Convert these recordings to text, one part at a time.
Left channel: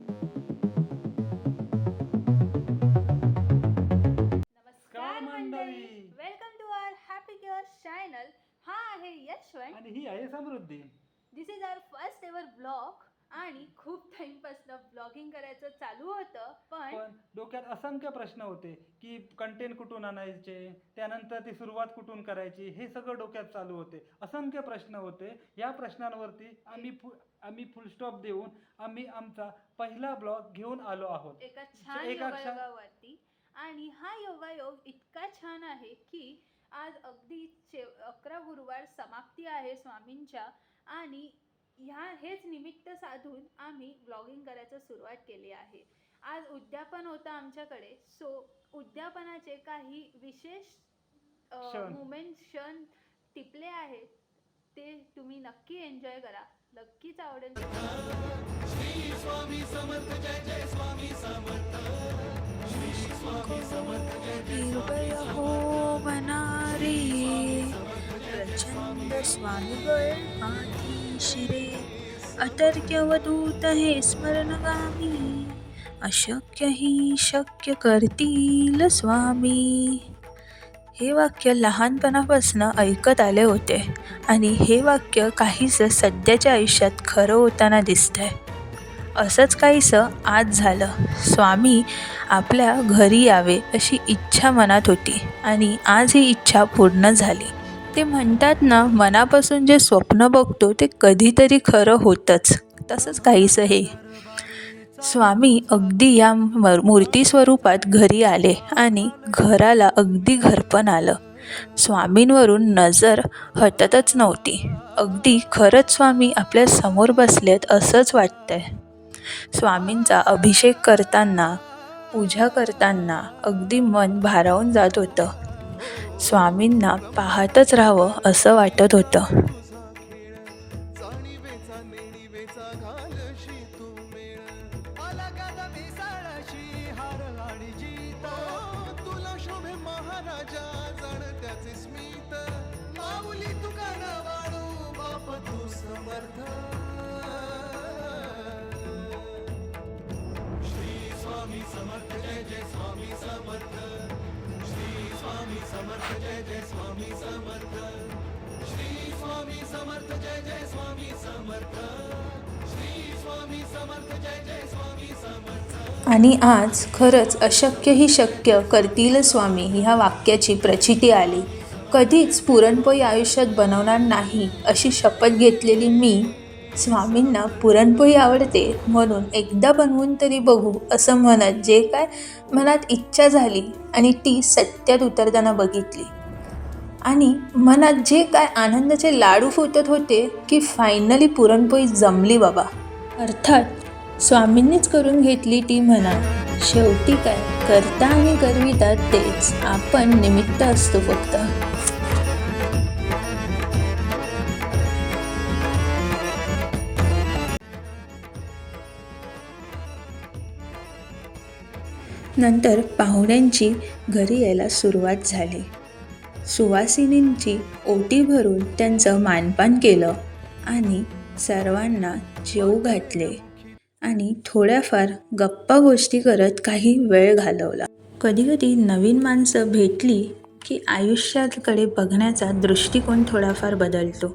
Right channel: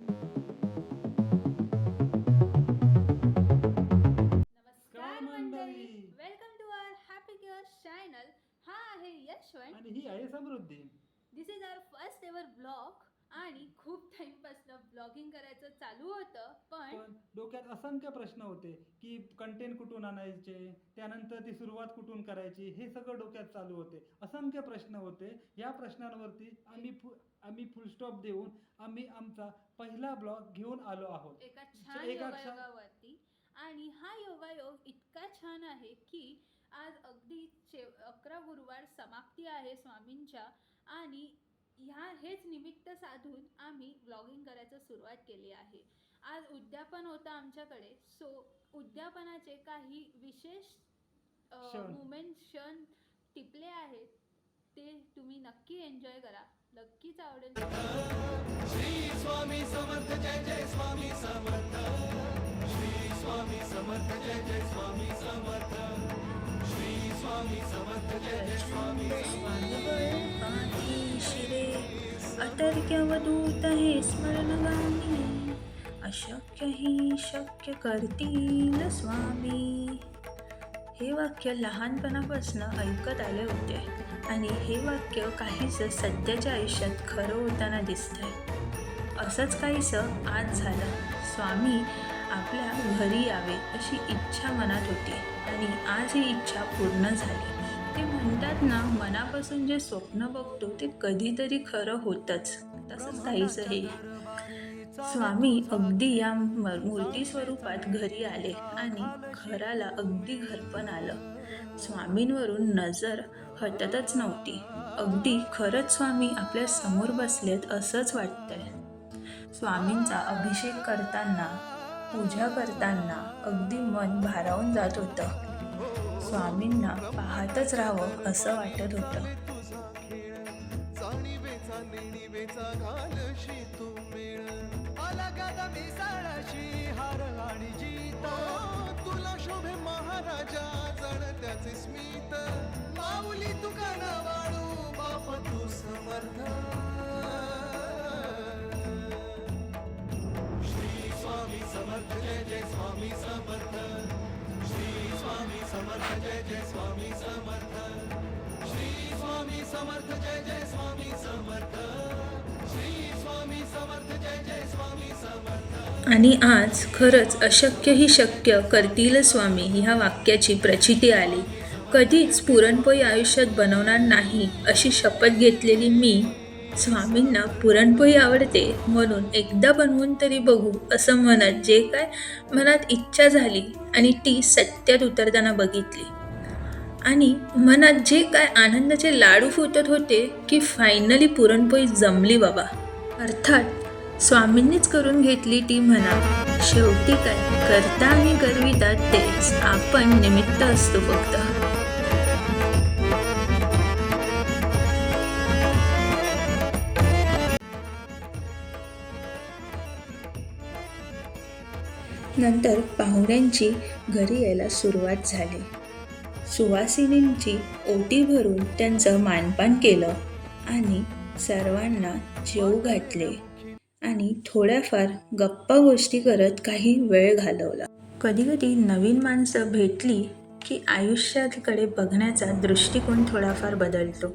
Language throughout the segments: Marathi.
नमस्कार मंडळी, welcome to our happy cures channel. हा आहे यशवंत आणि ही आहे Samruddhi. This is our first ever blog. आणि खूप टाइमपासून ब्लॉगिंग करायचं चालू होतं, पण पण डोक्यात असंख्य प्रश्न होते की कंटेंट कुठून आणायचे, त्यानंतर ती सुरुवात कुठून करायची, हे सगळं डोक्यात चालू होते. असंख्य प्रश्न होते. या प्रश्नांवरती आम्ही फुल स्टॉप देऊन आम्ही आमचा पहिला ब्लॉग घेऊन आलो आहोत. एका छान एका छान योगायोगावरती. आणि हा योगायोग इतका छान आहे की आज अगदी 11 गुरुवार समाप्ती आहे स्वामींच्या. आणि हेच निमित्त साधून आम्ही व्लॉगिंग करायचं सुरुवात केली आहे. आज उद्यापन होतं आमच्याकडे, सो उद्यापनाचे काही विशेष क्षण क्षण टिपले आहेत. ते तुम्ही नक्की एन्जॉय करा, नक्कीच आवडेल. श्री स्वामी समर्थ जय जय स्वामी समर्थ. श्री स्वामी समर्थ जय जय स्वामी समर्थ. श्री स्वामी समर्थ जय जय स्वामी अतर्क्यवधूत हे स्मरणगामी अशक्य ही शक्य करतील स्वामी. हे वाक्य लहानपणापासून ऐकत आले होते आणि हे वाक्य काहीसं सध्याच्या आयुष्यात खरं होताना दिसतंय. असंच काहीसं आज झालं. स्वामी आपल्या घरी यावे अशी इच्छा मनात होती आणि आज ही इच्छा पूर्ण झाली. ते म्हणतात ना, मनापासून जे स्वप्न बघतो ते कधीतरी खरं होतंच. तसंच काहीसं हे. स्वामी अगदी या मूर्ती स्वरूपात घरी आले आणि घराला अगदी घरपण आलं. स्वामींवरून नजर हटतच नव्हती. अगदी खरंच स्वामी आपल्या समोर बसलेत असंच वाटतंय. स्वामींचा अभिषेक करताना, पूजा करताना अगदी मन भारावून जात होतं. स्वामींना पाहतच राहावं असं वाटत होतं. जाणीवेचा नेणीवेचा घालशी तू मेळ. आला गादा मिसाळाशी हार आणि जीत. तुला शोभे महाराजा जण त्याचे स्मित. माऊली तुका न वाळू बाप तू समर्थ. श्री स्वामी समर्थ जय जय स्वामी समर्थ. श्री स्वामी समर्थ जय जय स्वामी समर्थ. श्री स्वामी समर्थ जय जय स्वामी समर्थ. श्री स्वामी समर्थ जय जय स्वामी समर्थ. आणि आज खरंच अशक्य ही शक्य करतील स्वामी ह्या वाक्याची प्रचिती आली. कधीच पुरणपोळी आयुष्यात बनवणार नाही अशी शपथ घेतलेली मी स्वामींना पुरणपोळी आवडते म्हणून एकदा बनवून तरी बघू असं म्हणत जे काय मनात इच्छा झाली आणि ती सत्यात उतरताना बघितली. आणि मनात जे काय आनंदाचे लाडू फुटत होते की फायनली पुरणपोळी जमली बाबा. अर्थात स्वामींनीच करून घेतली ती म्हणा. शेवटी काय करता आणि करवितात तेच, आपण निमित्त असतो फक्त. नंतर पाहुण्यांची घरी यायला सुरुवात झाली. सुवासिनींची ओटी भरून त्यांचं मानपान केलं आणि सर्वांना जेवू घातले आणि थोड्याफार गप्पा गोष्टी करत काही वेळ घालवला. कधीकधी नवीन माणसं भेटली की आयुष्याकडे बघण्याचा दृष्टिकोन थोडाफार बदलतो.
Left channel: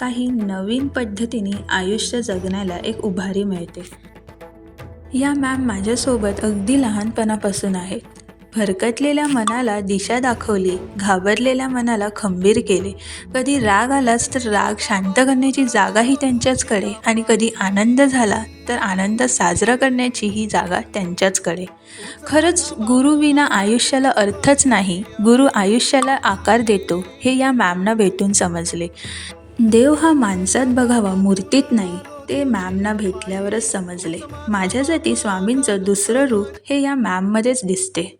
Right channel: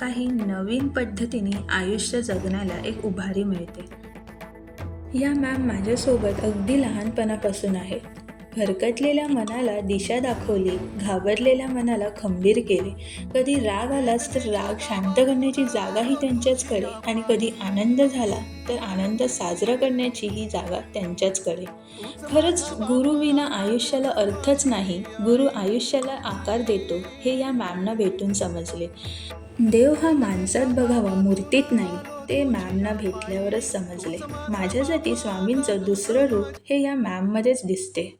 काही नवीन पद्धतीने आयुष्य जगण्याला एक उभारी मिळते. या मॅम माझ्यासोबत अगदी लहानपणापासून आहेत. भरकटलेल्या मनाला दिशा दाखवली, घाबरलेल्या मनाला खंबीर केले. कधी राग आलाच तर राग शांत करण्याची जागाही त्यांच्याचकडे आणि कधी आनंद झाला तर आनंद साजरा करण्याची ही जागा त्यांच्याचकडे. खरंच गुरुविना आयुष्याला अर्थच नाही. गुरु आयुष्याला आकार देतो हे या मॅमना भेटून समजले. देव हा माणसात बघावा, मूर्तीत नाही, ते मॅमना भेटल्यावरच समजले. माझ्यासाठी स्वामींचं दुसरं रूप हे या मॅममध्येच दिसते.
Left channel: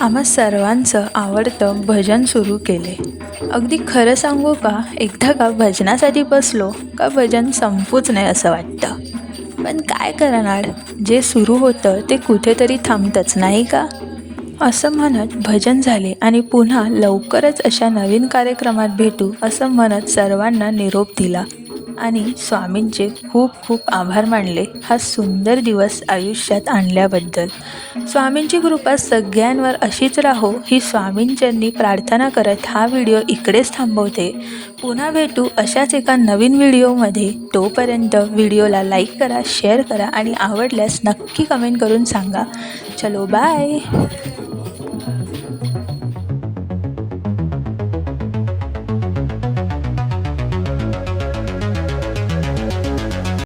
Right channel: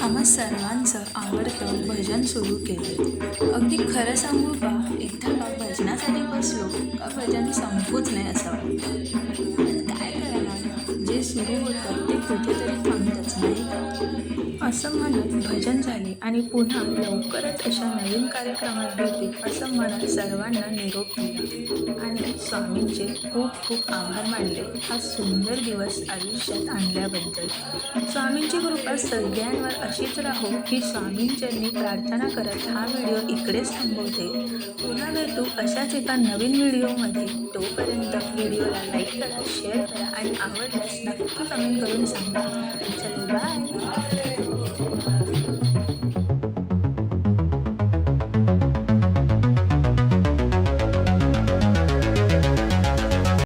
आम्हा सर्वांचं आवडतं भजन सुरू केले. अगदी खरं सांगू का, एकदा का भजनासाठी बसलो का भजन संपूच नाही असं वाटतं. पण काय करणार, जे सुरू होतं ते कुठेतरी थांबतंच नाही का. असं म्हणत भजन झाले आणि पुन्हा लवकरच अशा नवीन कार्यक्रमात भेटू असं म्हणत सर्वांना निरोप दिला आणि स्वामींचे खूप खूप आभार मानले हा सुंदर दिवस आयुष्यात आणल्याबद्दल. स्वामींची कृपा सगळ्यांवर अशीच राहो ही स्वामींच्यांनी प्रार्थना करत हा व्हिडिओ इकडेच थांबवते. पुन्हा भेटू अशाच एका नवीन व्हिडिओमध्ये. तोपर्यंत व्हिडिओला लाईक करा, शेअर करा आणि आवडल्यास नक्की कमेंट करून सांगा. चलो बाय.